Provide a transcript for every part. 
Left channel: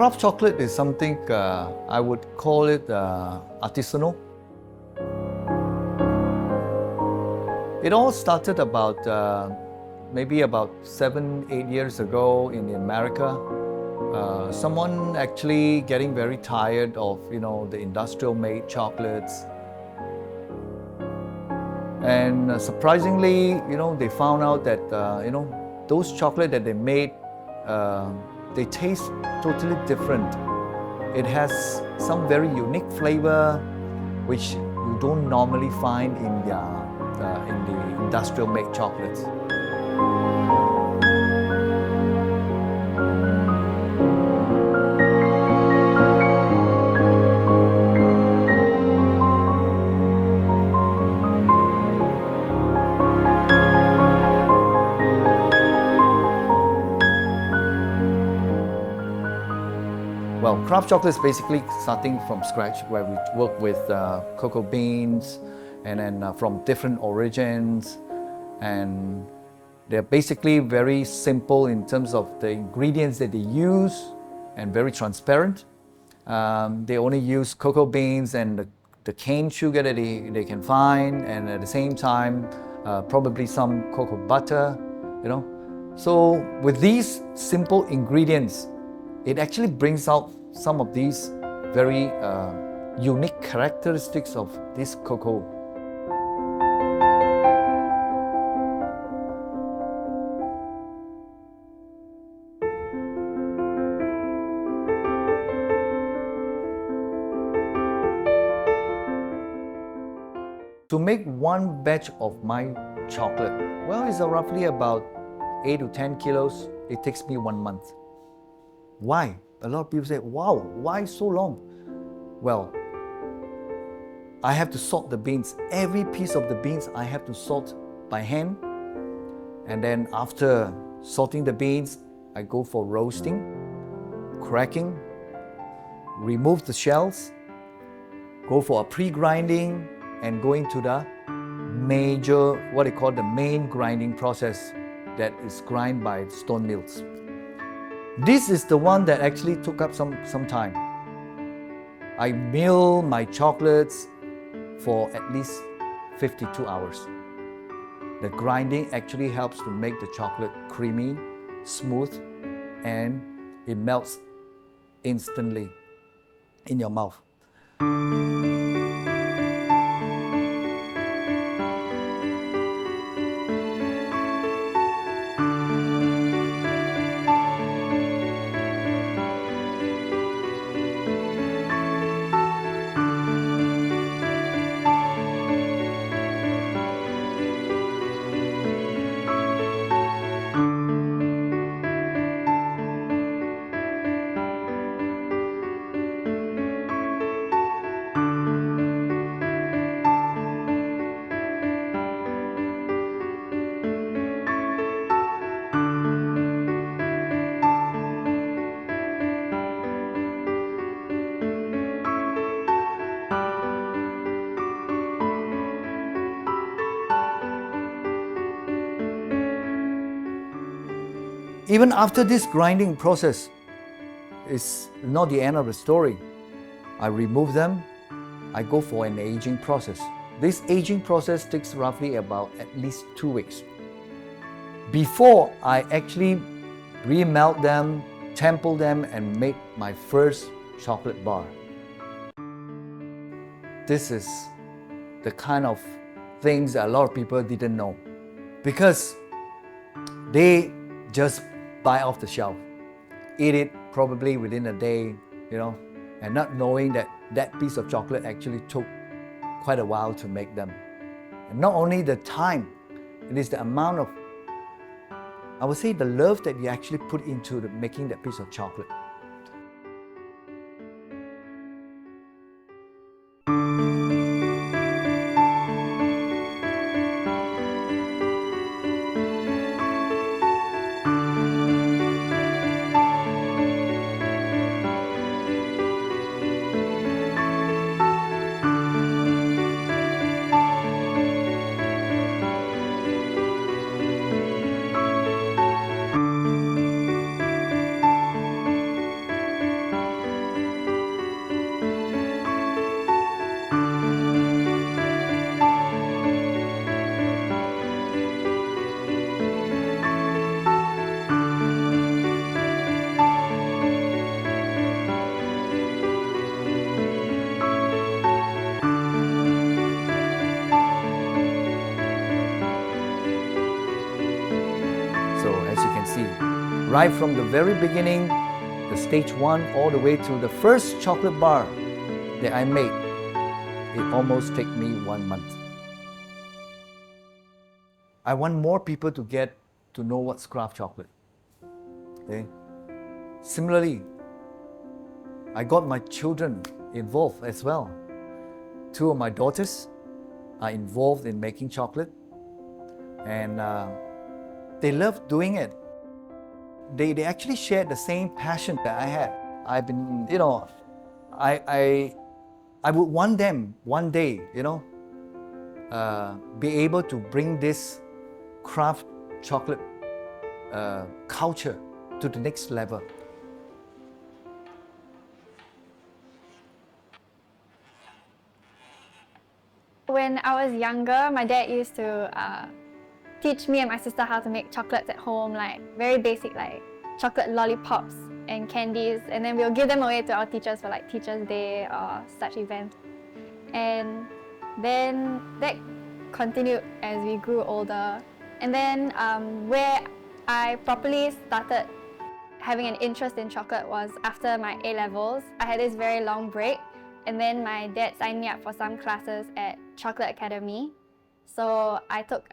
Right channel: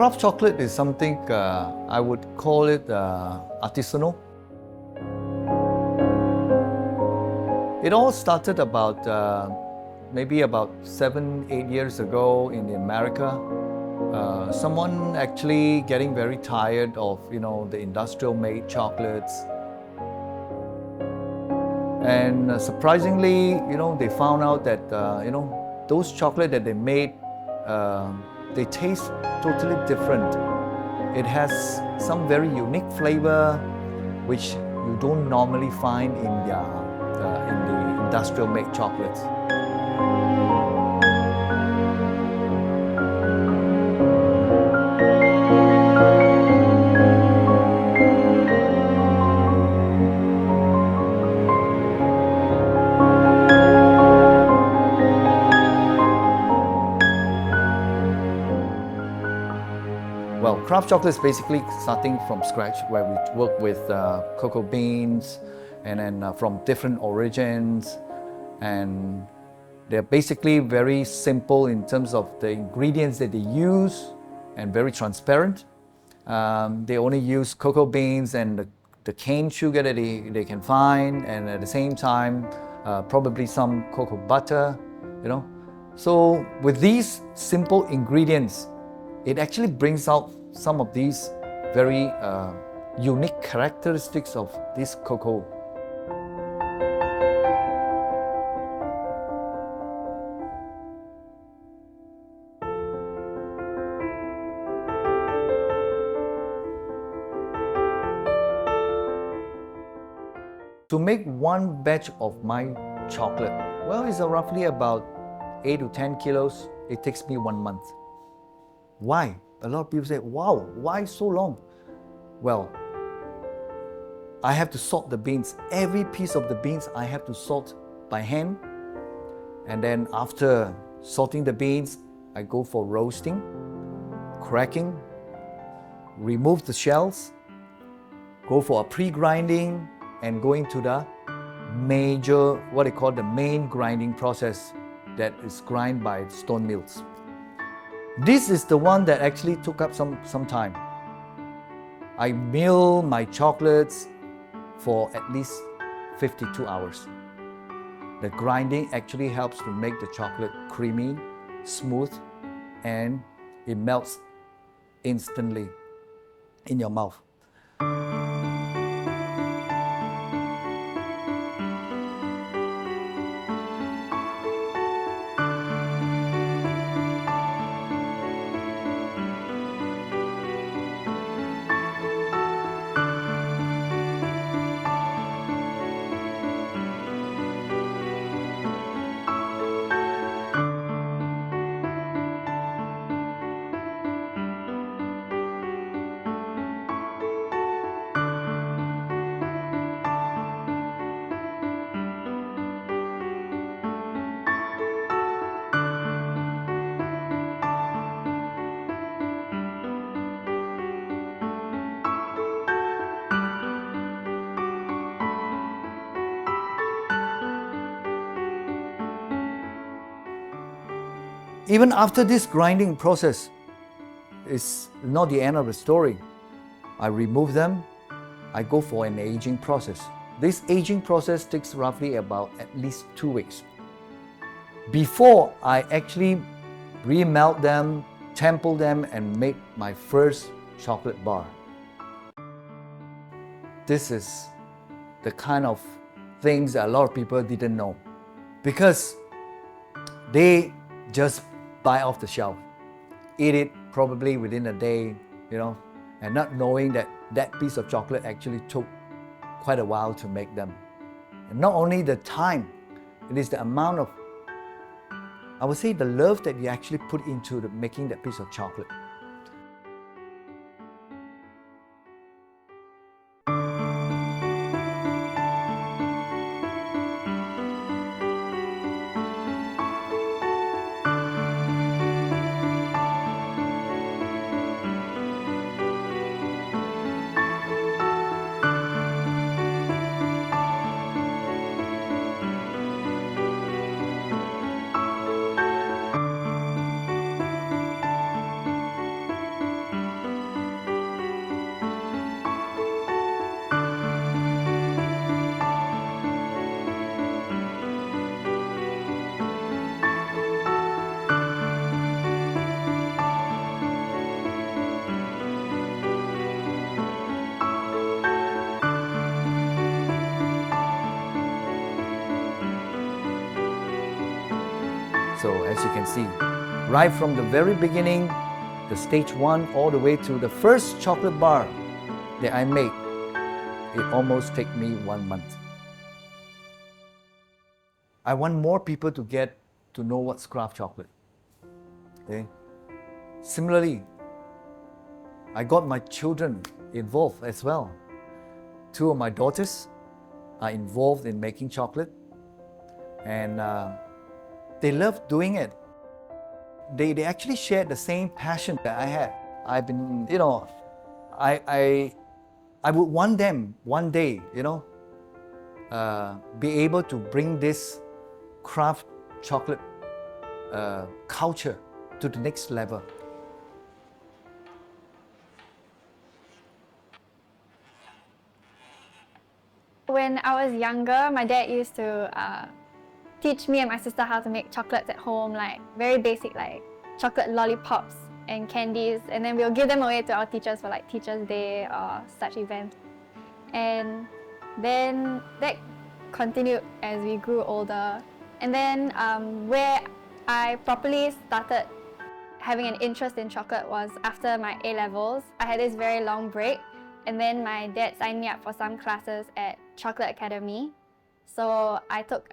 Craft chocolate is something I would call it artisanal. It all started about maybe about 7-8 years ago in America. Someone actually getting very tired of the industrial made chocolates, and surprisingly they found out that those chocolate that they made, they taste totally different. It has some very unique flavor which you don't normally find in the industrial made chocolates. Well, craft chocolate is basically starting from scratch, where we work with cocoa beans and then from different origins, and they're basically very simple in terms of the ingredients that they use and very transparent. They only use cocoa beans and the cane sugar that they can find, and at the same time probably some cocoa butter, So with these simple ingredients, it actually brings out some of these very unique characteristics of this cocoa. To make one batch of my chocolate, well, it's roughly about 8 to 10 kilos. It takes me 1 month. Why? A lot of people say, wow, why so long? Well, I have to salt the beans. Every piece of the beans I have to salt by hand. And then after salting the beans, I go for roasting, cracking, remove the shells, go for a pre-grinding, and go into the major, what they call the main grinding process, that is grind by stone mills. This is the one that actually took up some time. I mill my chocolates for at least 52 hours. The grinding actually helps to make the chocolate creamy, smooth, and it melts instantly in your mouth. Even after this grinding process, it's not the end of the story. I remove them, I go for an aging process. This aging process takes roughly about at least 2 weeks. Before I actually remelt them, temple them, and make my first chocolate bar. This is the kind of things that a lot of people didn't know, because they just buy off the shelf, eat it probably within a day, and not knowing that that piece of chocolate actually took quite a while to make them. And not only the time, it is the amount of, I would say, the love that you actually put into making that piece of chocolate. So as you can see, right from the very beginning, the stage 1 all the way to the first chocolate bar that I made, it almost took me 1 month. I want more people to get to know what's craft chocolate. Okay? Similarly, I got my children involved as well. 2 of my daughters are involved in making chocolate, and they love doing it. They actually shared the same passion that I had. I've been, I would want them one day, be able to bring this craft chocolate culture to the next level. When I was younger, my dad used to teach me and my sister how to make chocolates at home, like very basic, like chocolate lollipops and candies, and then we'll give them away to our teachers for like Teachers' Day or such events. And then that continued as we grew older. And then where I properly started having an interest in chocolate was after my A-levels. I had this very long break, and then my dad signed me up for some classes at Chocolate Academy. So I took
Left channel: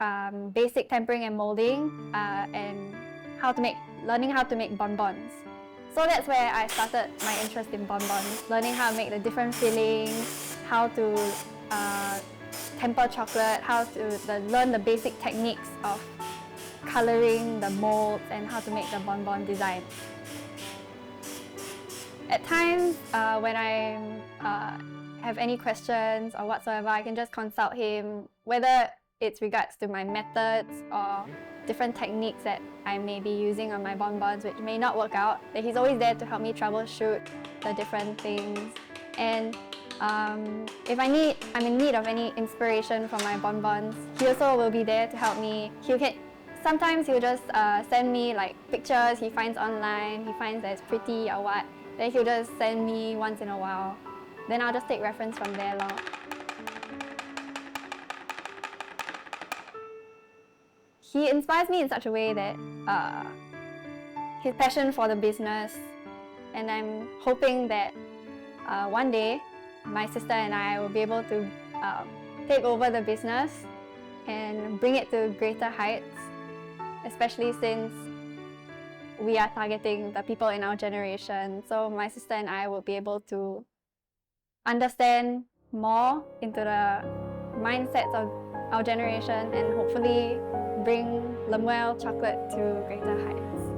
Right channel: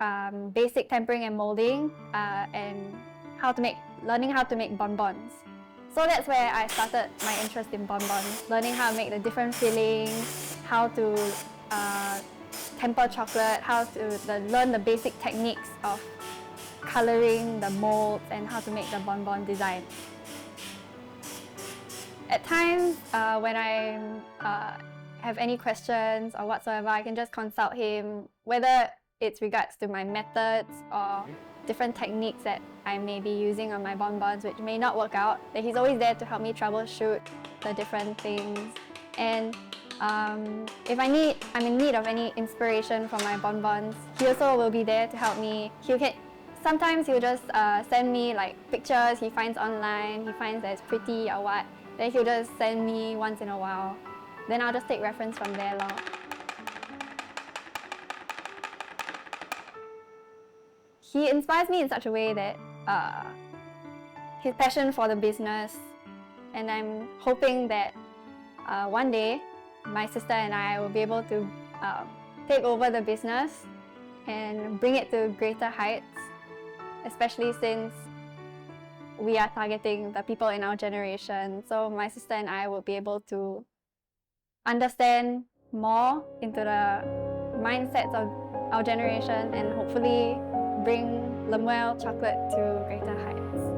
basic tempering and molding and learning how to make bonbons. So that's where I started my interest in bonbons, learning how to make the different fillings, how to temper chocolate, how to learn the basic techniques of coloring the molds and how to make the bonbon design. At times, when I have any questions or whatsoever, I can just consult him, whether it's regards to my methods or different techniques that I may be using on my bonbons which may not work out. That he's always there to help me troubleshoot the different things. And if I'm in need of any inspiration for my bonbons, he also will be there to help me. Sometimes he'll just send me like pictures he finds online, he finds that it's pretty or what. Then he'll just send me once in a while. Then I'll just take reference from there lor. He inspires me in such a way that his passion for the business, and I'm hoping that one day my sister and I will be able to take over the business and bring it to greater heights, especially since we are targeting the people in our generation. So my sister and I will be able to understand more into the mindsets of our generation and hopefully bring Lemuel Chocolate to greater heights.